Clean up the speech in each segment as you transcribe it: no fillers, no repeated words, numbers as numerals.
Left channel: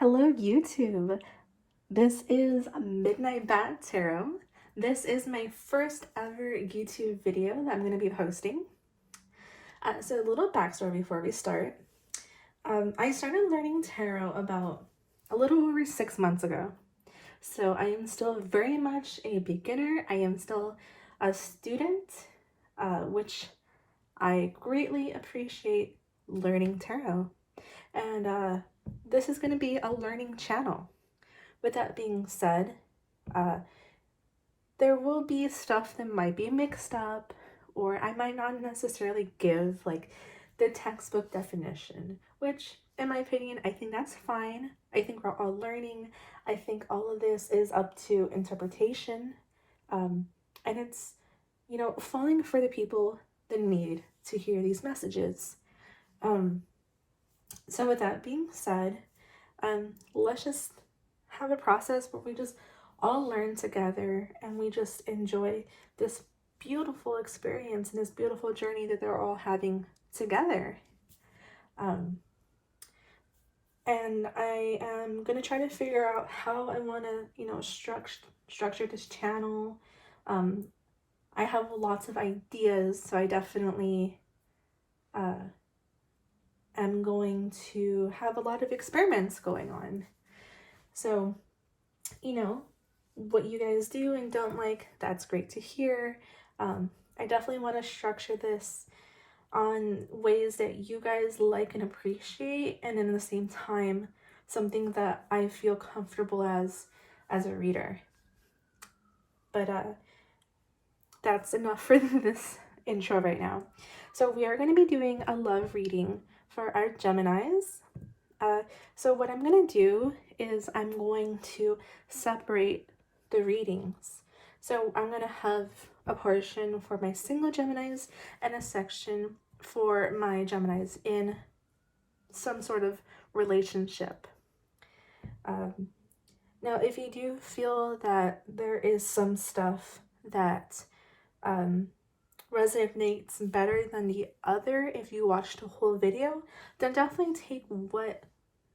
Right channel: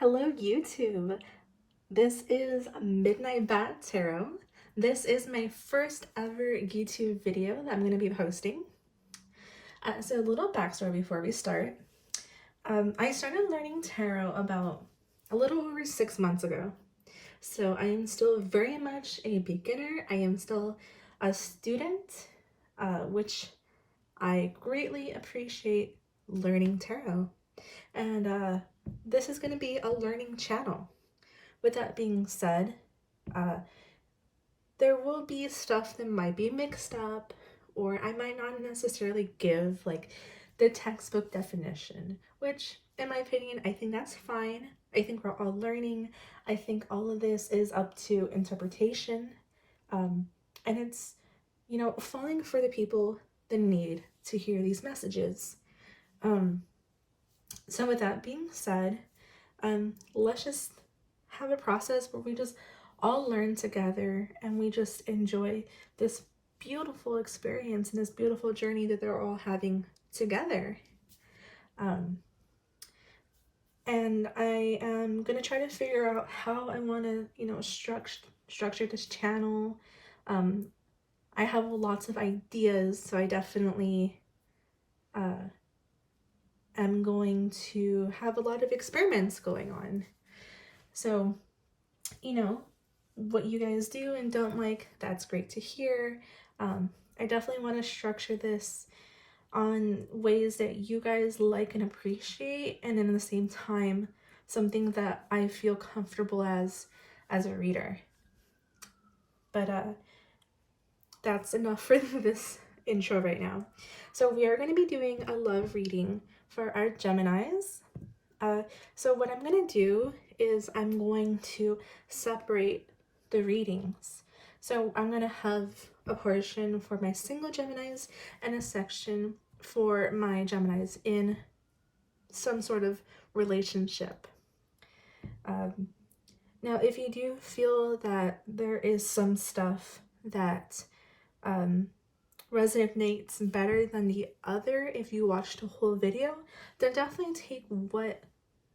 Hello YouTube, this is Midnight Bat Tarot. This is my first ever YouTube video that I'm going to be posting. So a little backstory before we start. I started learning tarot about a little over 6 months ago. So I am still very much a beginner. I am still a student, which I greatly appreciate learning tarot. And this is going to be a learning channel. With that being said, there will be stuff that might be mixed up, or I might not necessarily give like the textbook definition, which in my opinion, I think that's fine. I think we're all learning. I think all of this is up to interpretation. And it's, falling for the people that need to hear these messages. So with that being said, let's just have a process where we just all learn together and we just enjoy this beautiful experience and this beautiful journey that they're all having together. And I am going to try to figure out how I want to, structure this channel. I have lots of ideas, so I definitely am going to have a lot of experiments going on. So, what you guys do and don't like, that's great to hear. I definitely want to structure this on ways that you guys like and appreciate, and then at the same time, something that I feel comfortable as a reader. But that's enough for this intro right now. So we are going to be doing a love reading for our Geminis. So what I'm going to do is I'm going to separate the readings. So I'm going to have a portion for my single Geminis and a section for my Geminis in some sort of relationship. Now, if you do feel that there is some stuff that resonates better than the other if you watch the whole video, then definitely take what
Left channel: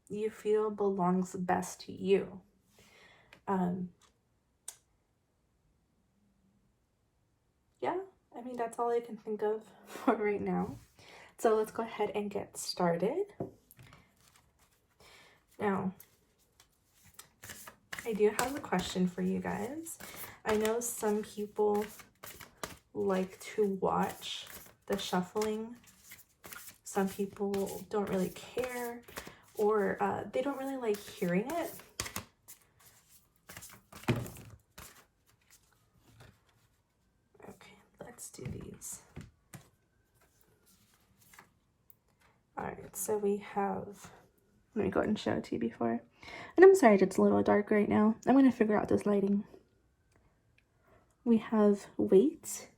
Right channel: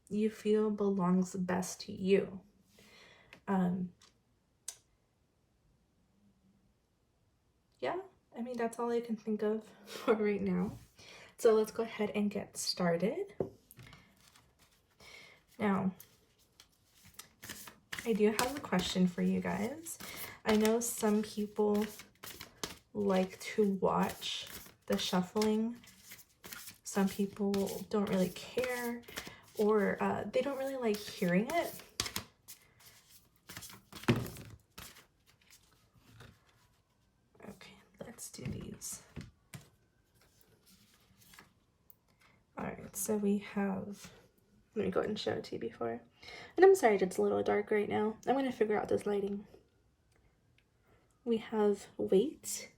you feel belongs best to you. Yeah, I mean, that's all I can think of for right now. So let's go ahead and get started. Now, I do have a question for you guys. I know some people like to watch the shuffling. Some people don't really care, or they don't really like hearing it. Okay, let's do these. All right, so we have, let me go ahead and show it to you before. And I'm sorry it's a little dark right now. I'm going to figure out this lighting. We have wait,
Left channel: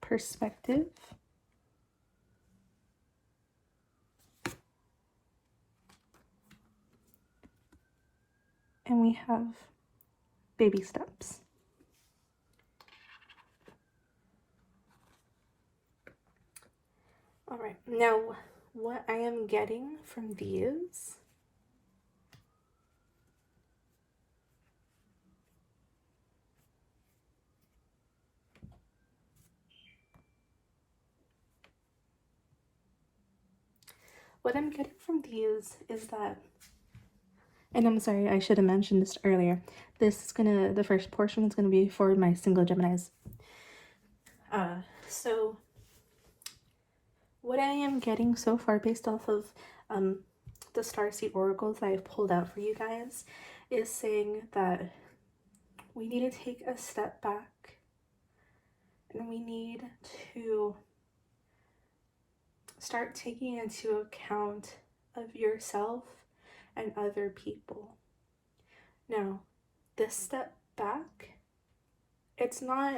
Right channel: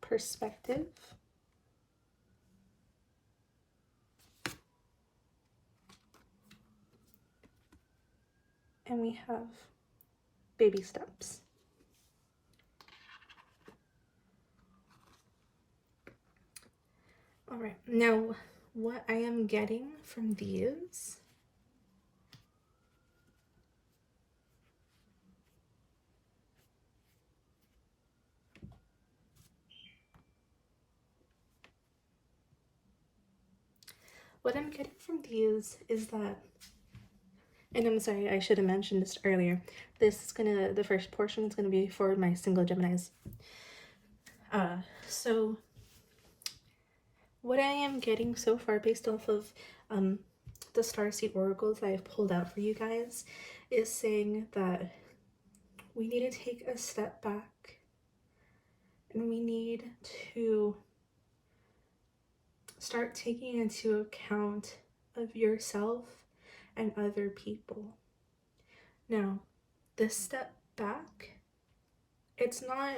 perspective, and we have baby steps. All right, now what I am getting from these is that, and I'm sorry, I should have mentioned this earlier, the first portion is gonna be for my single Geminis. So what I am getting so far based off of the Starseed oracles that I've pulled out for you guys is saying that we need to take a step back and we need to start taking into account of yourself and other people. Now, this step back, it's not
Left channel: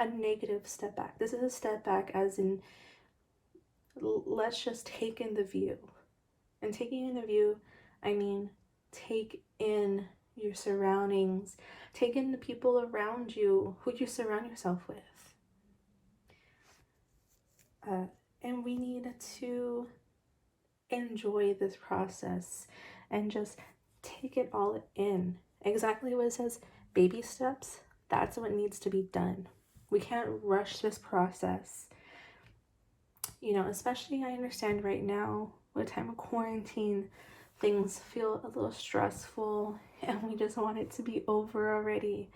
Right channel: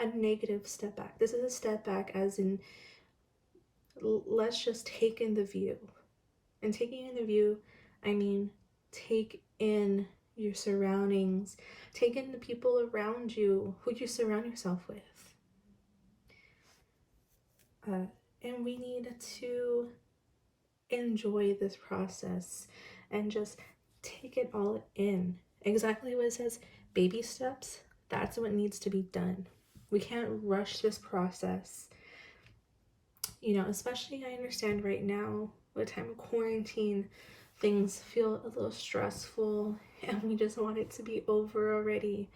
a negative step back. This is a step back as in, let's just take in the view. And taking in the view, I mean, take in your surroundings, take in the people around you, who you surround yourself with. And And we need to enjoy this process and just take it all in. Exactly what it says, baby steps, that's what needs to be done. We can't rush this process. You know, especially I understand right now, with the time of quarantine, things feel a little stressful and we just want it to be over already.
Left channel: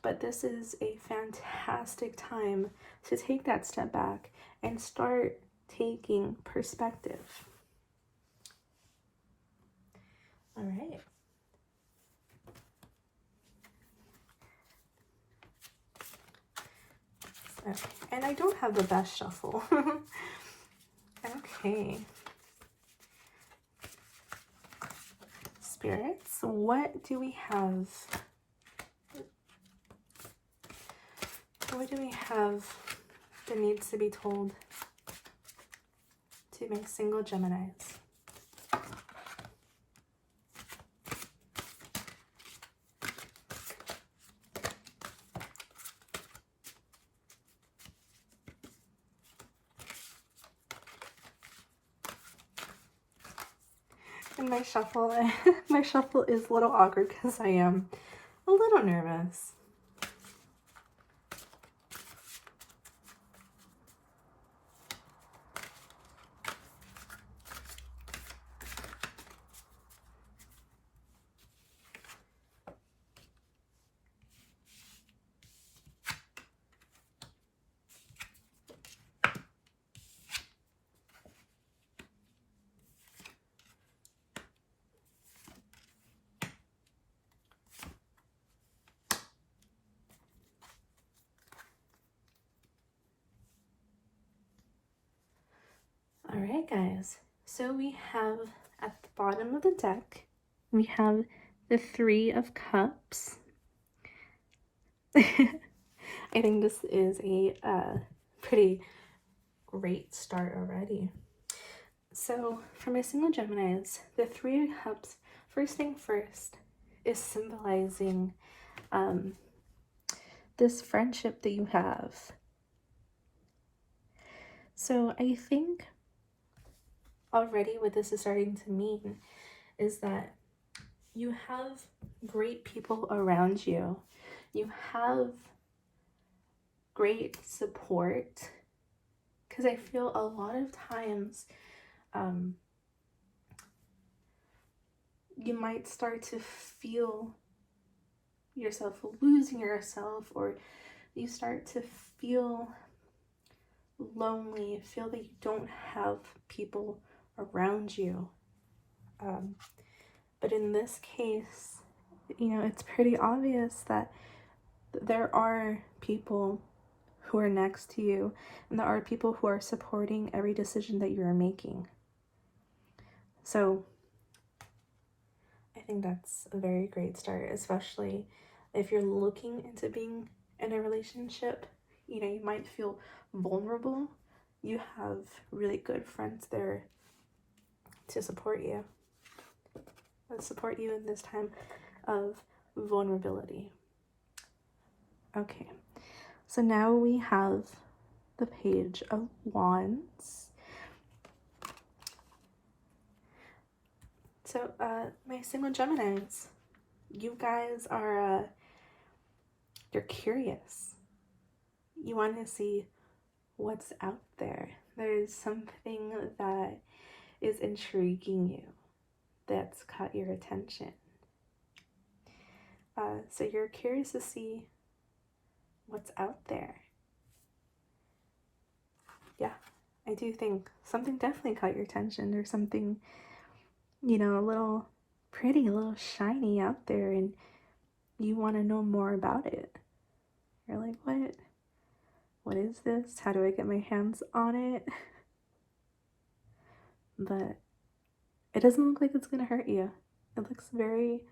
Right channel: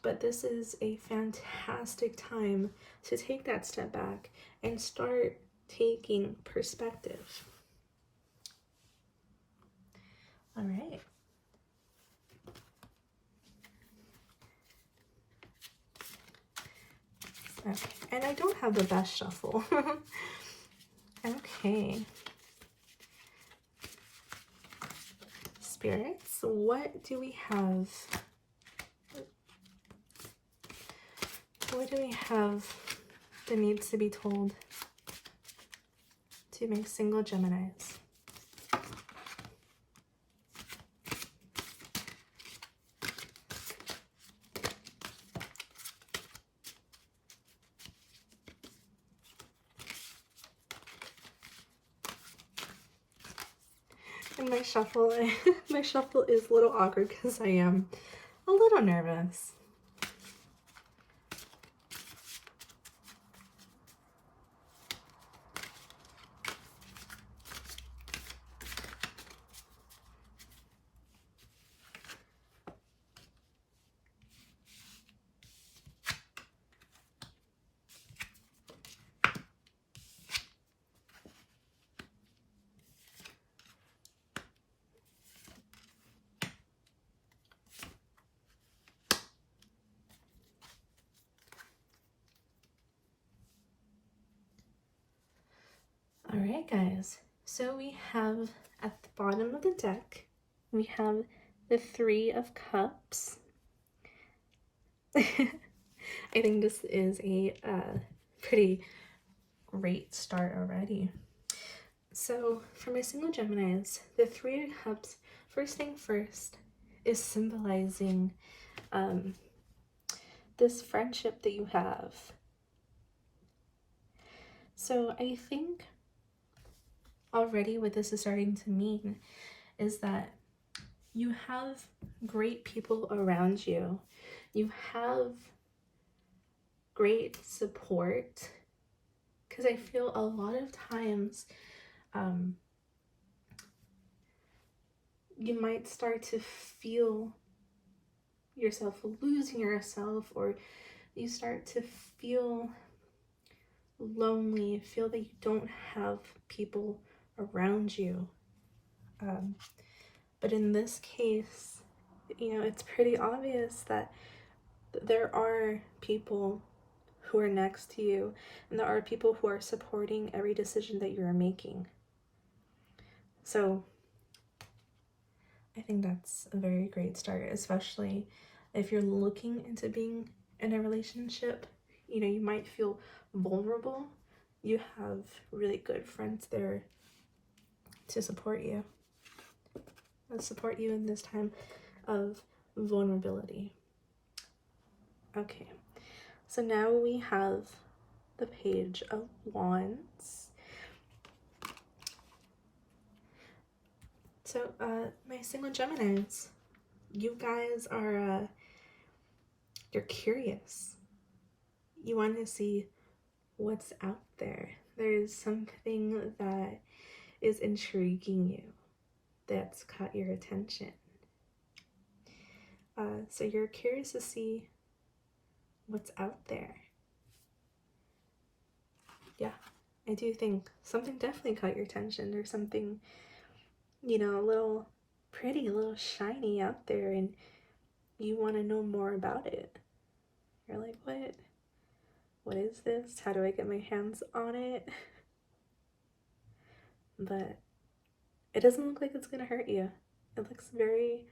But this is a fantastic time to take that step back and start taking perspective. All right. Okay. And I don't have the best shuffle. Okay. Spirits, what do we have? What do we have that needs to be told to make single Geminis? And my shuffle, my shuffle is a little awkward because I am a little nervous. All right, guys. So we have at the bottom of the deck, we have the Three of Cups. I think this is a pretty great start already. So for my single Geminis, the Three of Cups, first thing first, is symbolizing this friendship that you have. So I think already what this is starting to mean is that you have great people around you. You have great support. Because I feel a lot of times you might start to feel yourself losing yourself, or you start to feel lonely, feel that you don't have people around you. But in this case, you know, it's pretty obvious that there are people who are next to you, and there are people who are supporting every decision that you're making. So I think that's a very great start, especially if you're looking into being in a relationship. You know, you might feel vulnerable. You have really good friends there to support you in this time of vulnerability. Okay, so now we have the Page of Wands. So my single Geminis, you guys are you're curious. You want to see what's out there. There's something that is intriguing you, that's caught your attention. So you're curious to see what's out there. Yeah, I do think something definitely caught your attention. There's something, you know, a little pretty, a little shiny out there, and you want to know more about it. You're like, what is this? How do I get my hands on it? But it doesn't look like it's gonna hurt you. It looks very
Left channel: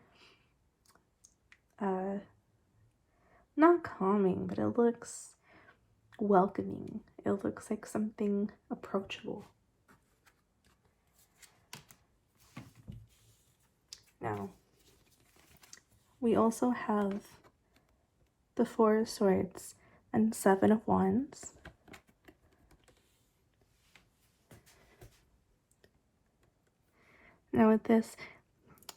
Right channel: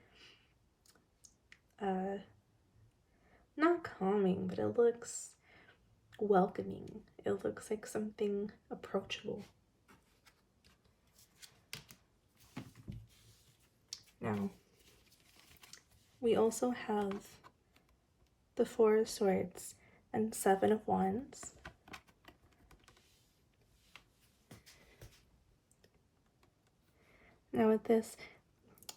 not calming, but it looks welcoming. It looks like something approachable. Now, we also have the Four of Swords and Seven of Wands. Now with this,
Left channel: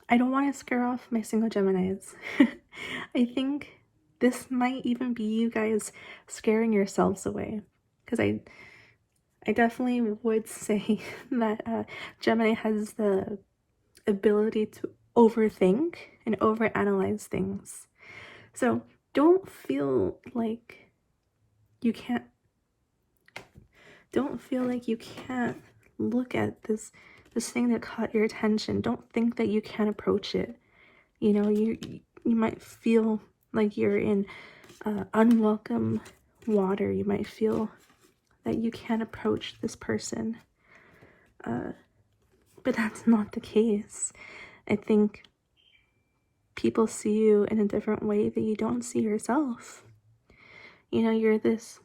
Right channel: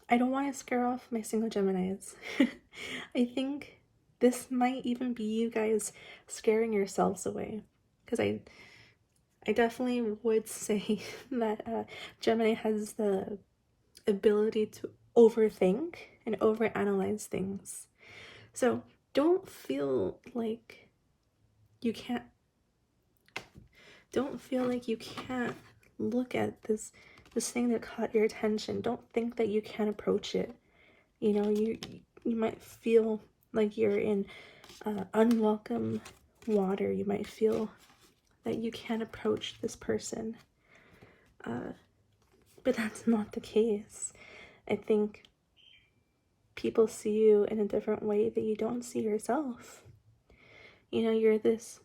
I don't want to scare off my single Geminis. I think this might even be you guys scaring yourselves away, because I definitely would say that Gemini has the ability to overthink and overanalyze things. So don't feel like you can't look at this thing that caught your attention. Don't think that you can't approach it. You know, you might feel like you're in unwelcome water. You might feel that you can't approach this person. But that's not the case. I think people see you in a different way that you don't see yourself. You know, you're this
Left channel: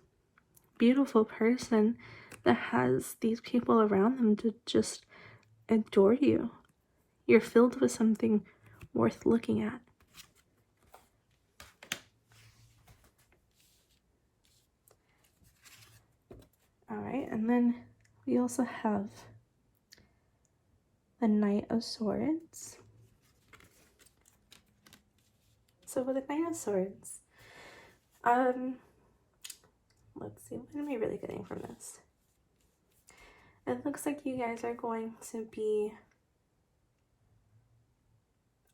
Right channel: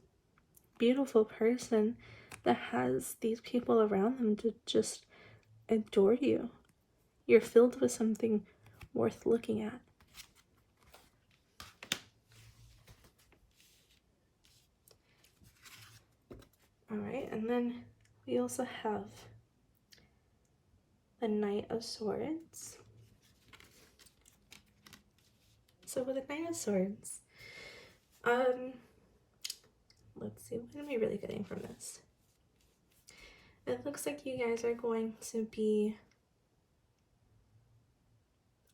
beautiful person that has these people around them to just adore you. You're filled with something worth looking at. Alright, and then we also have the Knight of Swords. So with the Knight of Swords, let's see, what am I really getting from this? It looks like you guys are going to be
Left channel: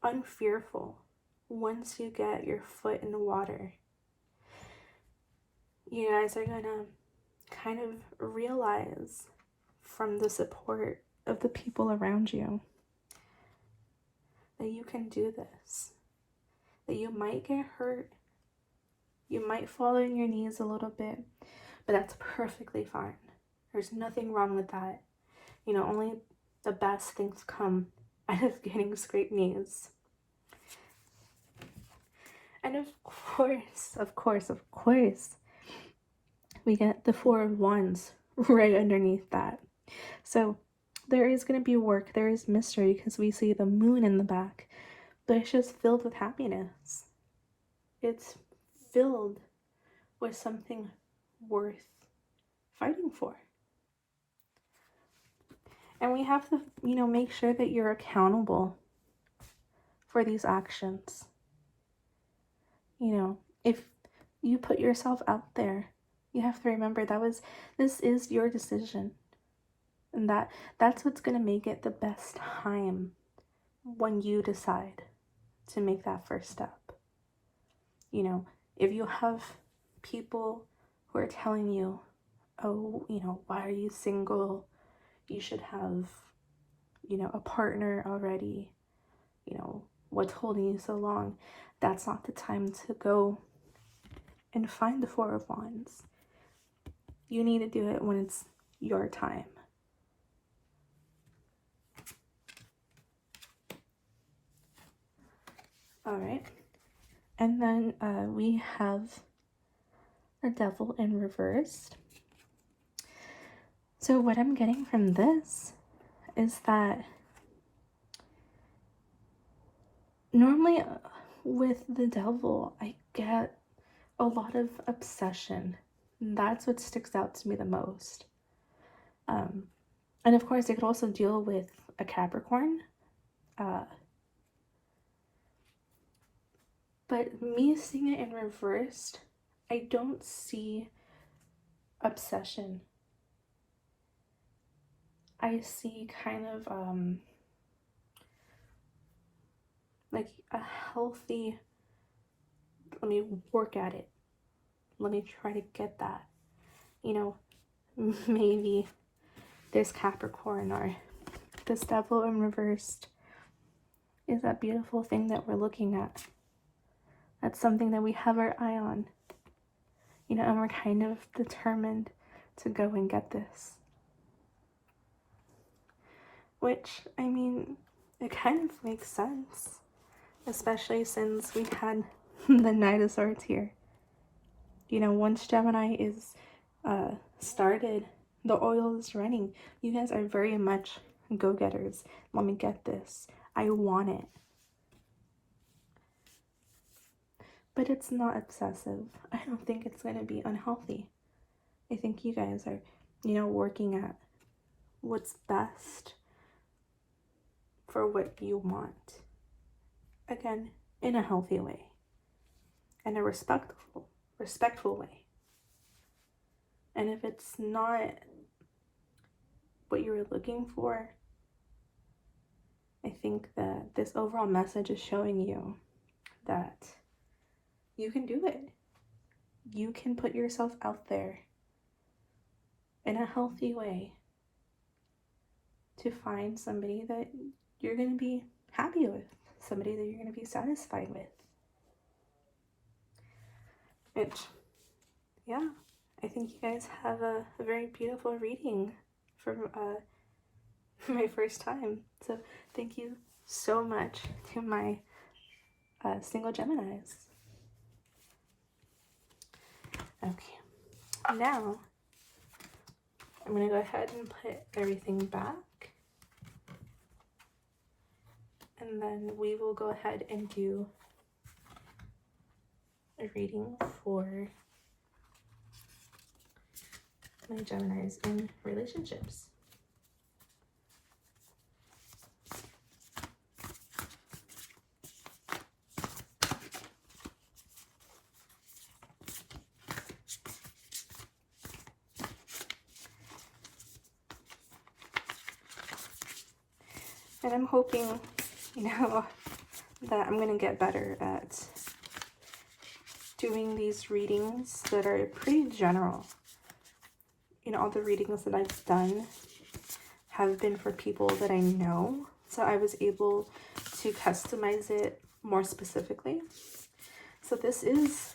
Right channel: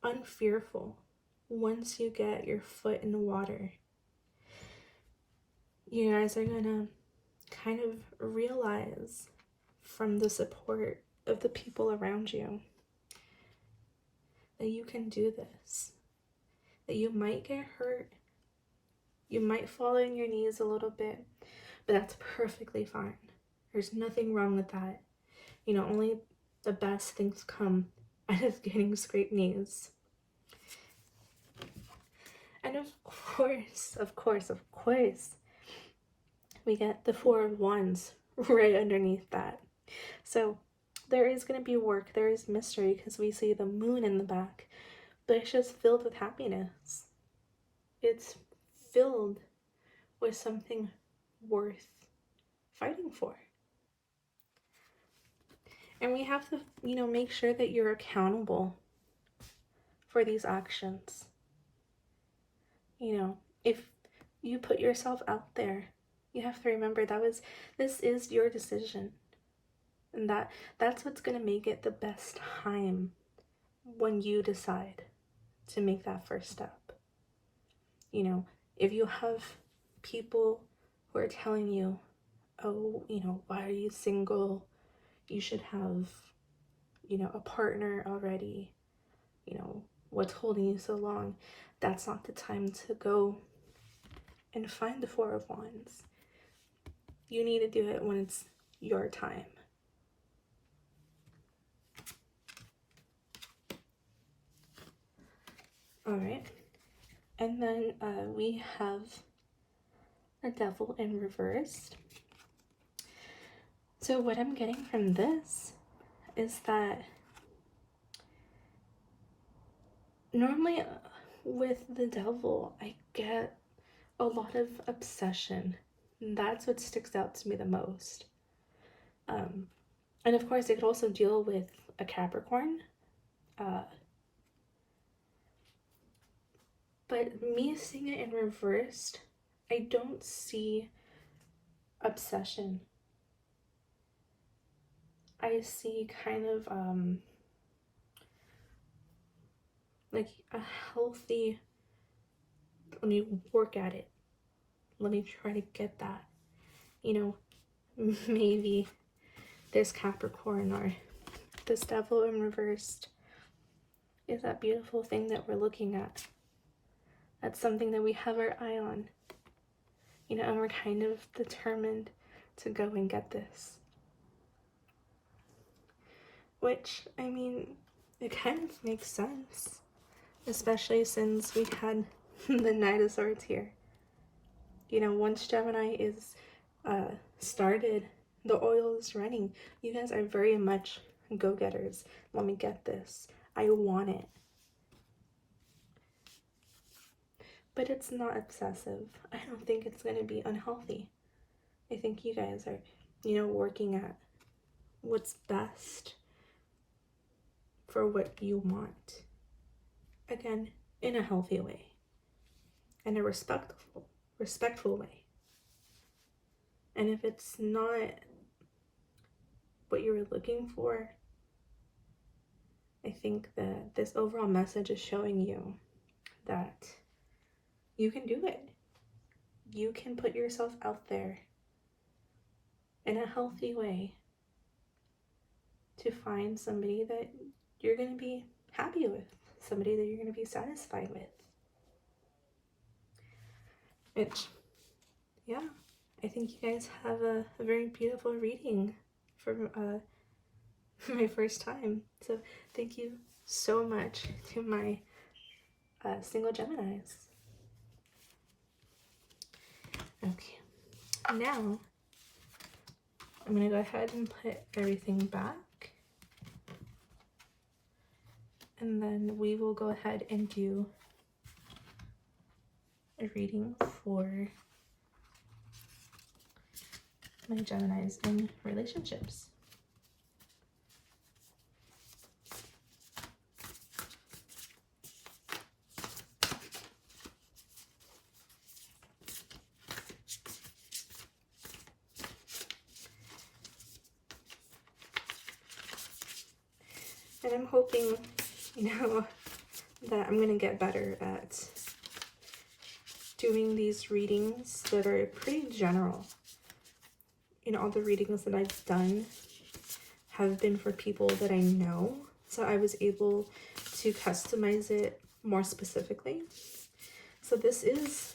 unfearful once you get your foot in the water. You guys are gonna kind of realize from the support of the people around you that you can do this, that you might get hurt, you might fall on your knees a little bit, but that's perfectly fine. There's nothing wrong with that. You know, only the best things come out of getting scraped knees. And of course, we get the Four of Wands right underneath that. So there is going to be work, there is mystery, because we see the moon in the back, but it's just filled with happiness. It's filled with something worth fighting for. And we have to, you know, make sure that you're accountable for these actions. You know, if you put yourself out there, you have to remember this is your decision. And that's what's going to make it the best time when you decide to make that first step. You know, if you have people who are telling you, oh, you know, why are you single? You should have, you know, a partner already. You know, what's holding you so long? That's not the time to go and find the Four of Wands. You need to do it when it's your time. Alright, and then we have the Devil in reversed. So what I'm getting from this is that normally with the Devil, I get a lot of obsession. That's what sticks out to me the most. And of course, it could also deal with a Capricorn. But me seeing it in reversed, I don't see obsession. I see kind of like a healthy, let me work at it. Let me try to get that. You know, maybe this Capricorn or this Devil in reversed is that beautiful thing that we're looking at. That's something that we have our eye on. You know, and we're kind of determined to go and get this. Which, I mean, it kind of makes sense. Especially since we had the Knight of Swords here. You know, once Gemini is started, the oil is running. You guys are very much go-getters. Let me get this. I want it. But it's not obsessive. I don't think it's going to be unhealthy. I think you guys are, you know, working at what's best for what you want. Again, in a healthy way, in a respectful way. And if it's not what you were looking for, I think that this overall message is showing you that you can do it. You can put yourself out there in a healthy way to find somebody that you're going to be happy with, somebody that you're going to be satisfied with. Which, yeah, I think you guys have a very beautiful reading for my first time. So thank you so much to my single Geminis. Okay, now I'm going to go ahead and put everything back. And then we will go ahead and do a reading for my Geminis in relationships. And I'm hoping, that I'm going to get better at doing these readings that are pretty general. All the readings that I've done have been for people that I know, so I was able to customize it more specifically. So this is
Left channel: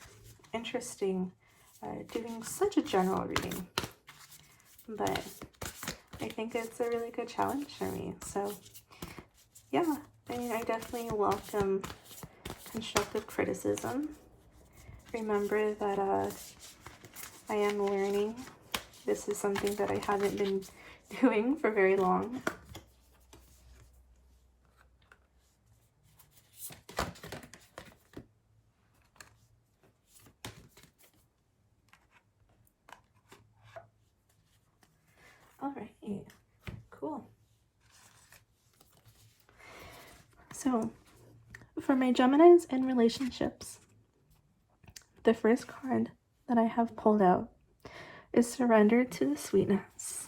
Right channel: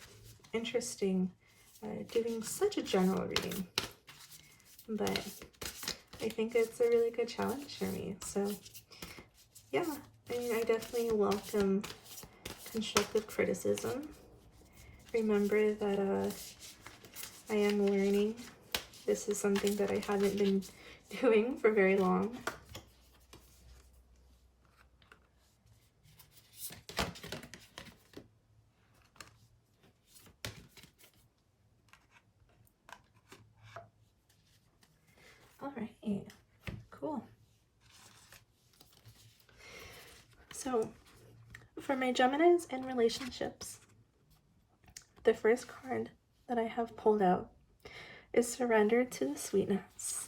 interesting, doing such a general reading, but I think it's a really good challenge for me. So yeah, I definitely welcome constructive criticism. Remember that I am learning. This is something that I haven't been doing for very long. All right, cool. So for my Geminis and relationships, the first card that I have pulled out is Surrender to the Sweetness,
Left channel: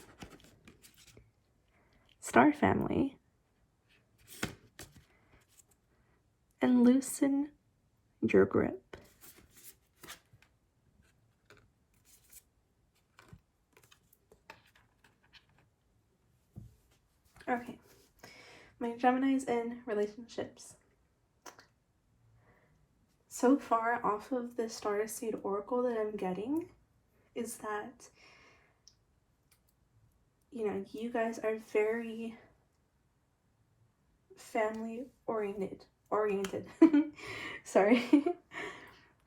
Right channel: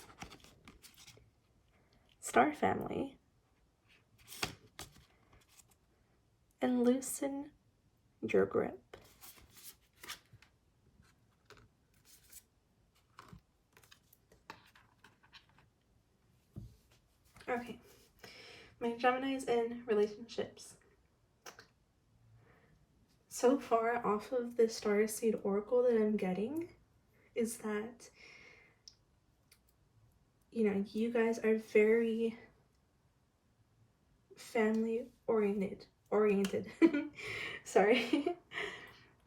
Star Family, and Loosen Your Grip. Okay, my Geminis and relationships. So far off of the Starseed Oracle that I'm getting is that, you guys are very family oriented. Sorry.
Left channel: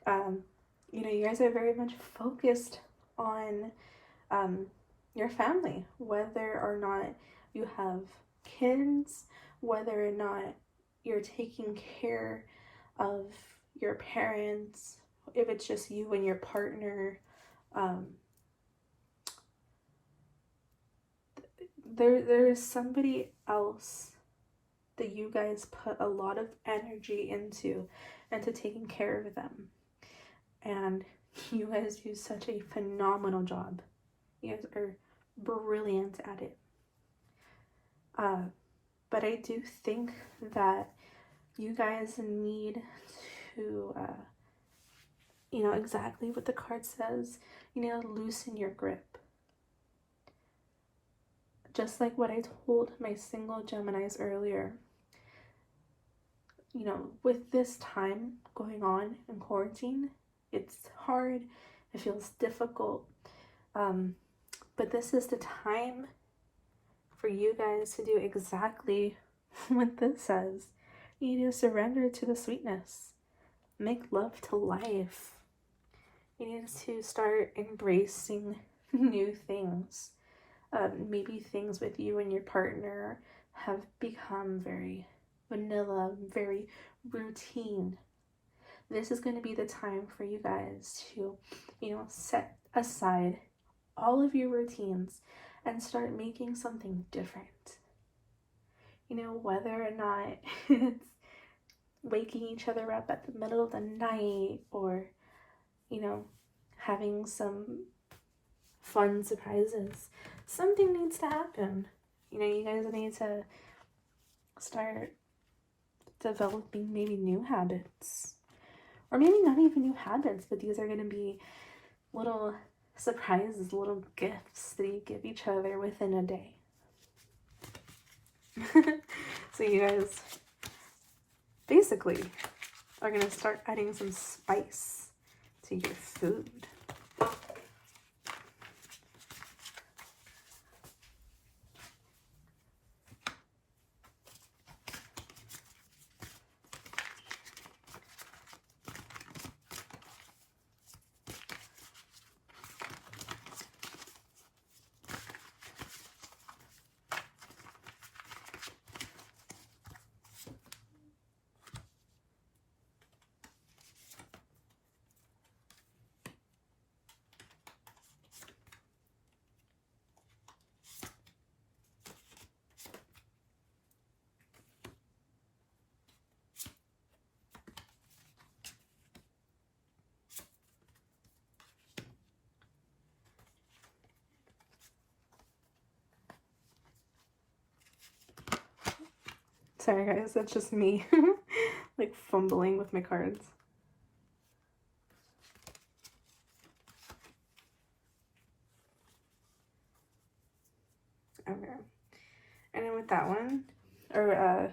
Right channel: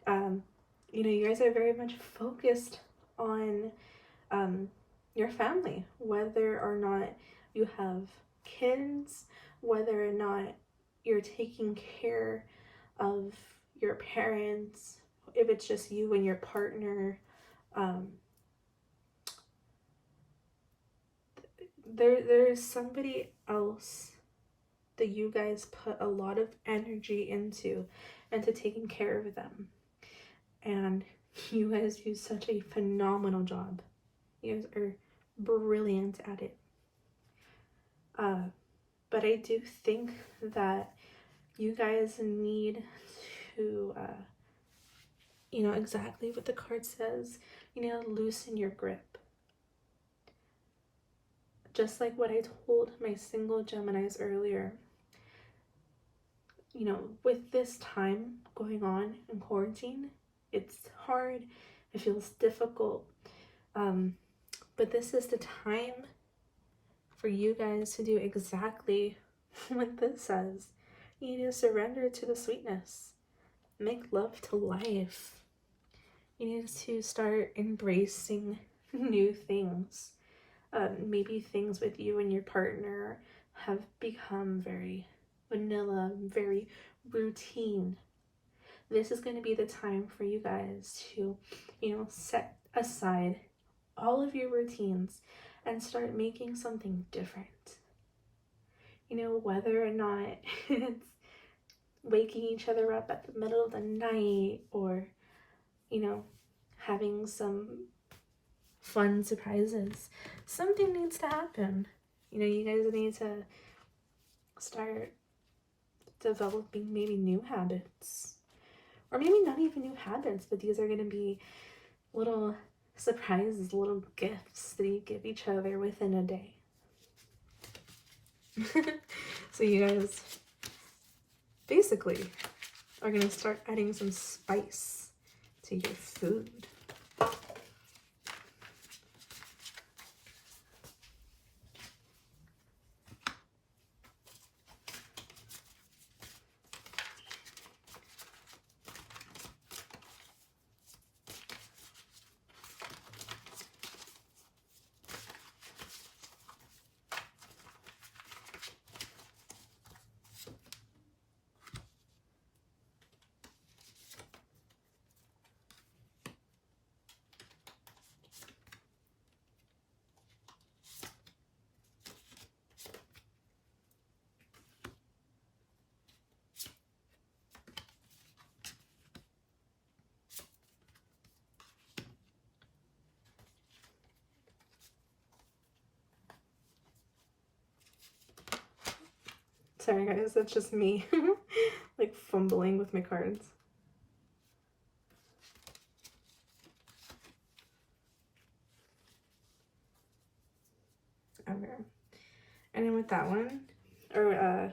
You guys are very much focused on your family, whether or not you have kids, whether or not you're taking care of your parents, if it's just you and your partner. There's somebody else that you guys put a lot of energy into taking care of them, and you guys do such a phenomenal job. You guys are brilliant at it. But I do think that you guys need to exactly what the card says, loosen your grip. Just like what I told my single Geminis earlier, with this time going on in quarantine, it's hard, it feels difficult, but this is the time for you guys to do exactly what this says. You need to surrender to the sweetness. Make love to life. You need to start embracing new things. Maybe things with you and your partner have become very vanilla, very routine. This is going to be the time for you guys to, set aside all of your routines and start making something different. you know, whether or not it's waking each other up at the middle of the night or, you know, having some fun surprises. Something needs to happen. You know, you guys need to start developing maybe new habits. Or maybe not even new habits, but these are going to be little surprises, little gifts that you give each other within a day. So you guys basically are going to start adding some spice to your food. Sorry guys, that's just me like fumbling with my cards. Okay. And then with that one, oh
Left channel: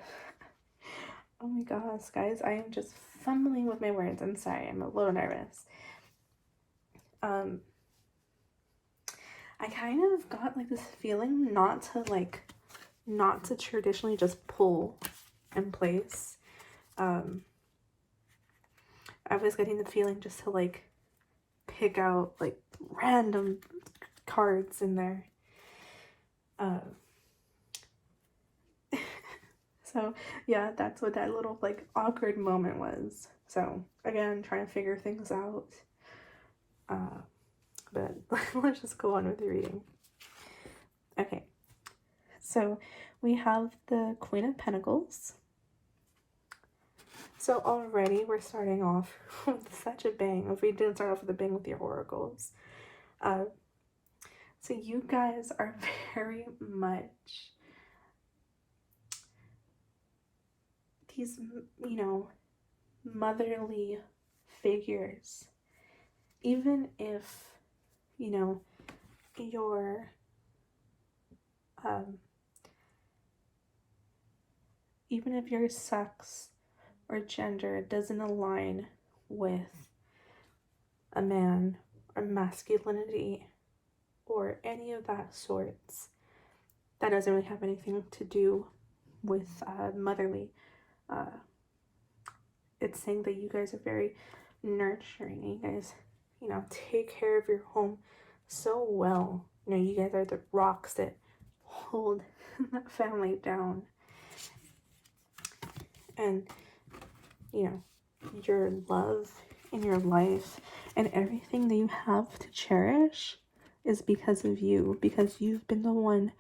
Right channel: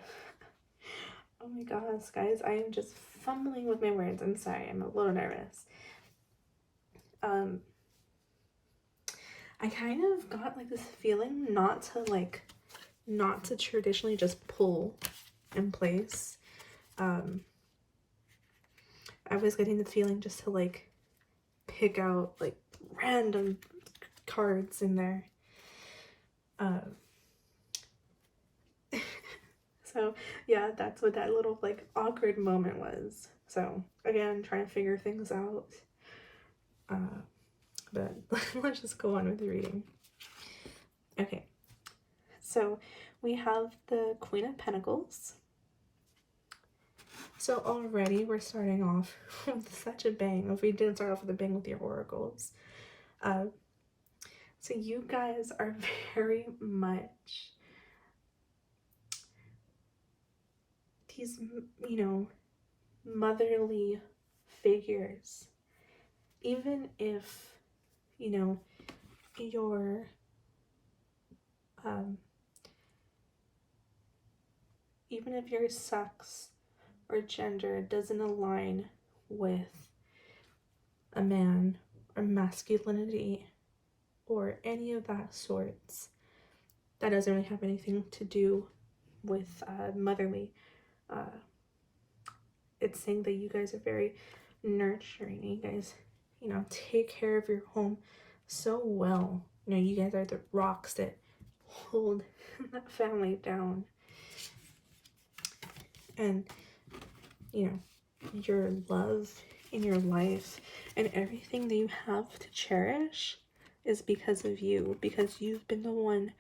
my gosh, guys, I am just fumbling with my words. I'm sorry, I'm a little nervous. I kind of got like this feeling not to traditionally just pull in place. I was getting the feeling just to like pick out like random cards in there. So yeah, that's what that little like awkward moment was. So again, trying to figure things out. But let's just go on with the reading. Okay, so we have the Queen of Pentacles. So already we're starting off with such a bang. If we didn't start off with a bang with your oracles. So you guys are very much these, you know, motherly figures. Even if, you know, your even if your sex or gender doesn't align with a man or masculinity or any of that sorts, that doesn't really have anything to do with motherly. It's saying that you guys are very nurturing. You guys, you know, take care of your home so well. You know, you guys are the rocks that hold that family down. And, you know, your love in your life and everything that you have to cherish is because of you, because you've been the one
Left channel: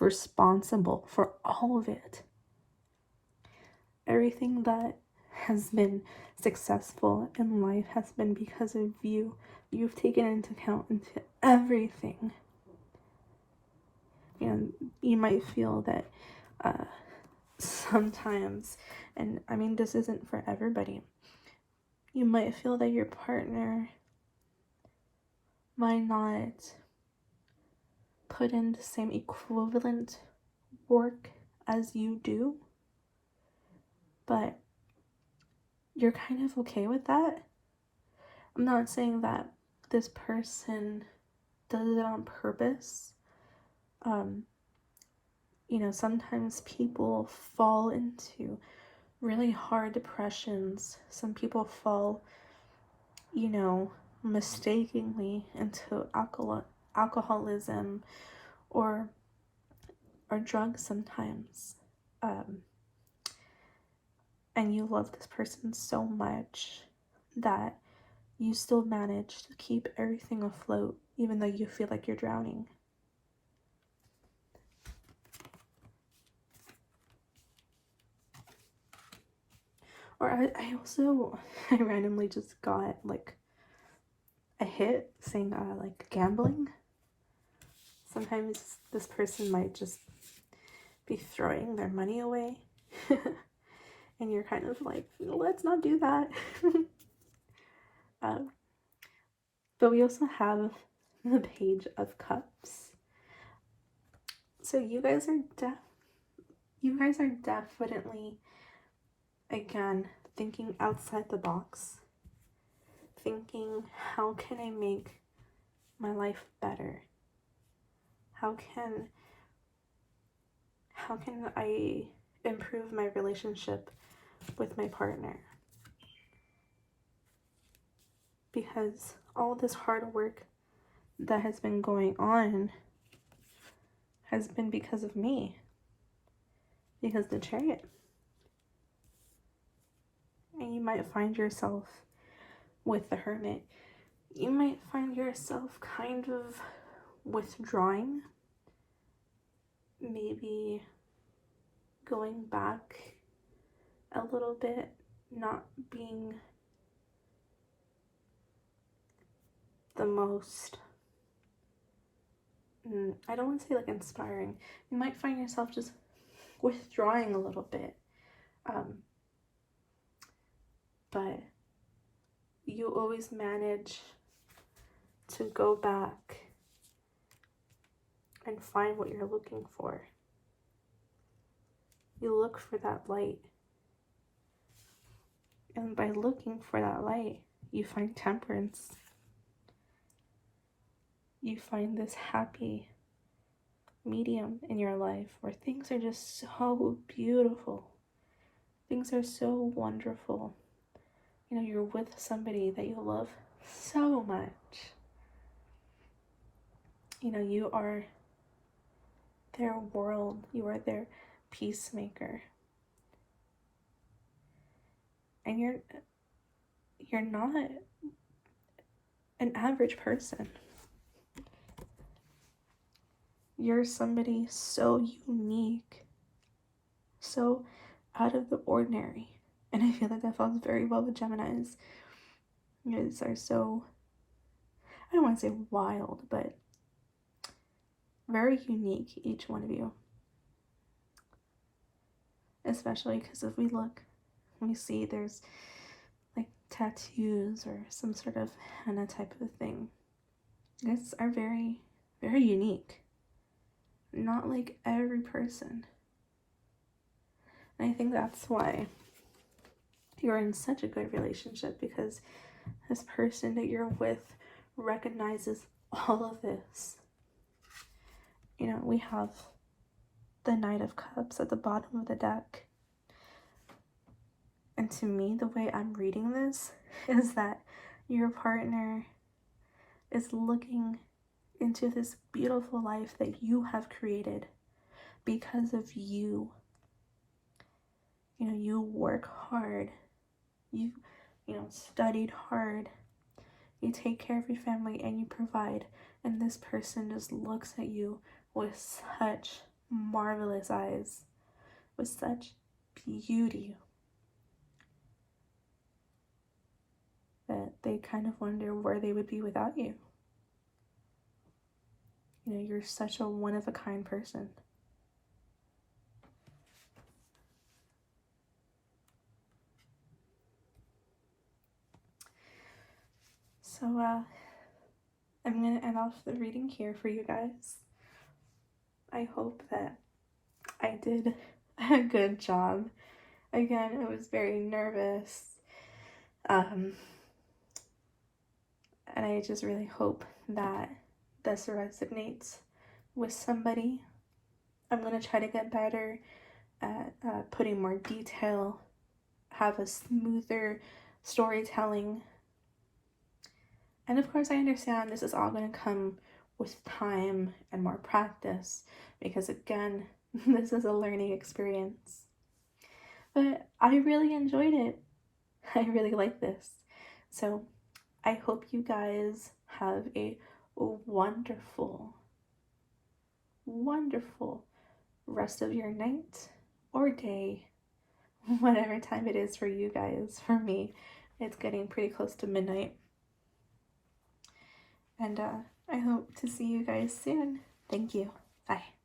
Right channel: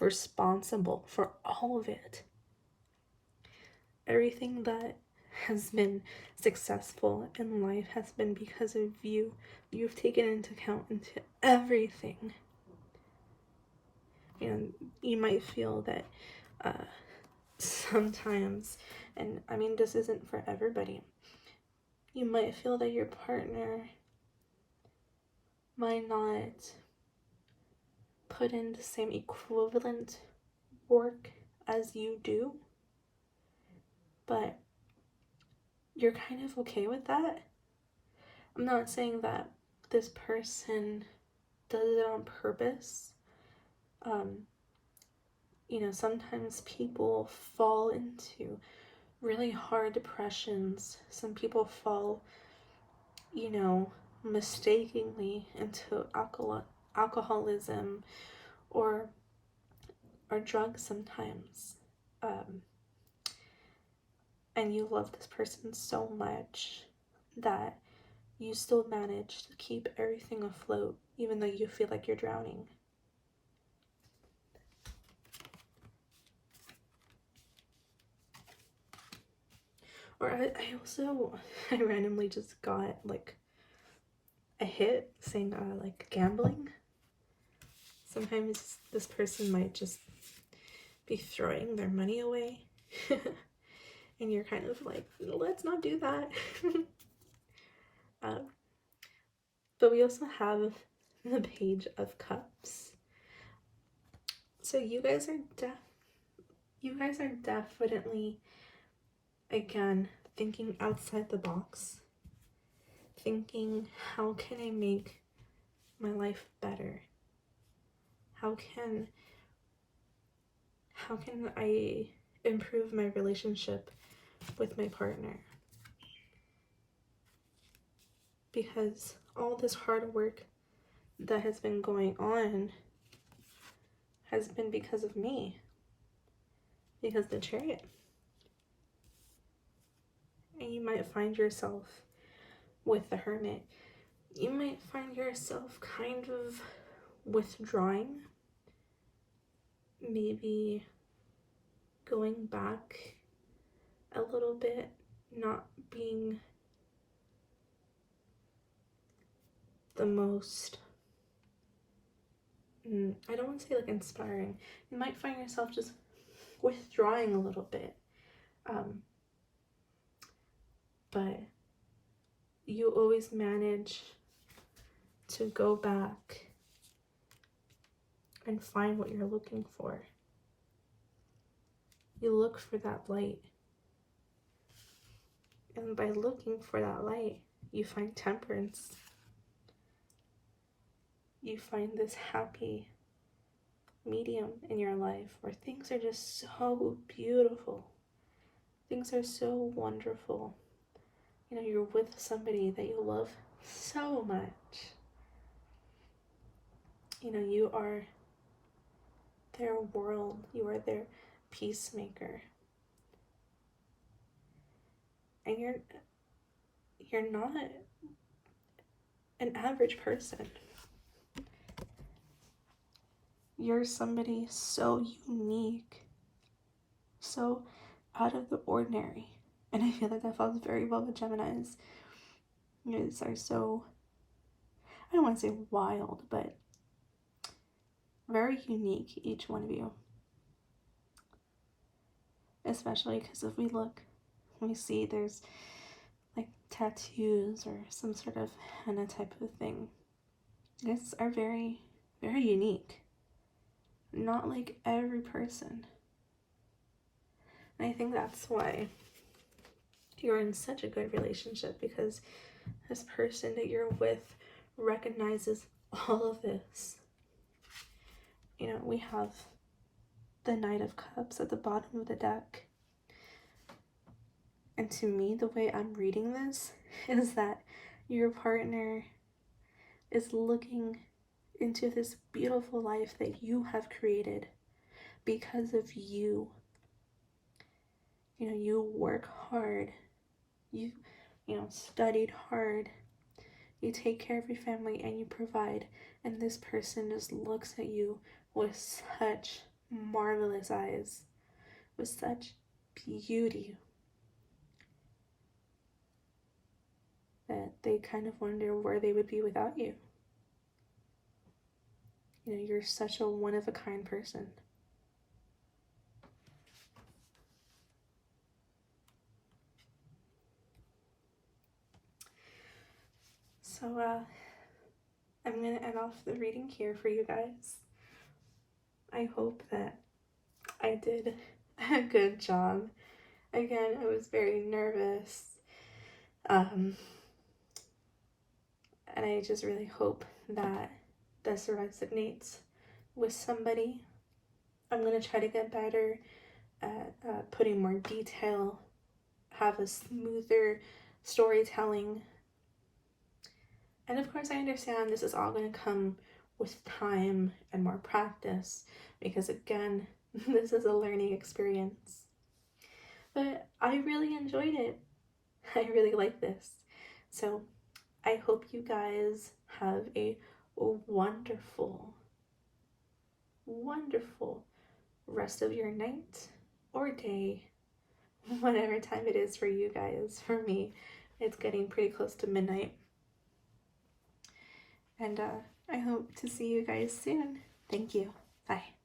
responsible for all of it. Everything that has been successful in life has been because of you. You've taken into account into everything. And you might feel that sometimes, and I mean this isn't for everybody, you might feel that your partner might not put in the same equivalent work as you do, but you're kind of okay with that. I'm not saying that this person does it on purpose. You know, sometimes people fall into really hard depressions. Some people fall, you know, mistakenly into alcoholism or drugs sometimes. And you love this person so much that you still manage to keep everything afloat, even though you feel like you're drowning. Or I also, I randomly just got like a hit saying like gambling. Sometimes this person might just be throwing their money away. And you're kind of like, let's not do that. But we also have the Page of Cups. So you guys are definitely, again, thinking outside the box. Thinking, how can I make my life better? How can I improve my relationship with my partner? Because all this hard work that has been going on has been because of me. Because the Chariot. And you might find yourself with the Hermit. You might find yourself kind of withdrawing. Maybe going back a little bit, not being the most, I don't want to say like inspiring. You might find yourself just withdrawing a little bit. But you always manage to go back and find what you're looking for. You look for that light. And by looking for that light, you find temperance. You find this happy medium in your life where things are just so beautiful. Things are so wonderful. You know, you're with somebody that you love so much. You know, you are their world. You are their peacemaker. And you're not an average person. You're somebody so unique, so out of the ordinary. And I feel like that falls very well with Geminis. You guys are so, I don't want to say wild, but very unique, each one of you. Especially because if we look, we see there's like tattoos or some sort of henna type of thing. You guys are very, very unique. Not like every person. And I think that's why you're in such a good relationship, because this person that you're with recognizes all of this. You know, we have the Knight of Cups at the bottom of the deck. And to me, the way I'm reading this is that your partner is looking into this beautiful life that you have created because of you. You know, you work hard. You studied hard. You take care of your family and you provide. And this person just looks at you with such marvelous eyes, with such beauty, that they kind of wonder where they would be without you. You know, you're such a one-of-a-kind person. So, I'm going to end off the reading here for you guys. I hope that I did a good job. Again, I was very nervous. And I just really hope that this resonates with somebody. I'm going to try to get better at putting more detail, have a smoother storytelling. And of course, I understand this is all going to come with time and more practice, because again, this is a learning experience. But I really enjoyed it. I really like this. So I hope you guys have a wonderful, wonderful rest of your night or day, whatever time it is for you guys. For me, it's getting pretty close to midnight. And I hope to see you guys soon. Thank you. Bye.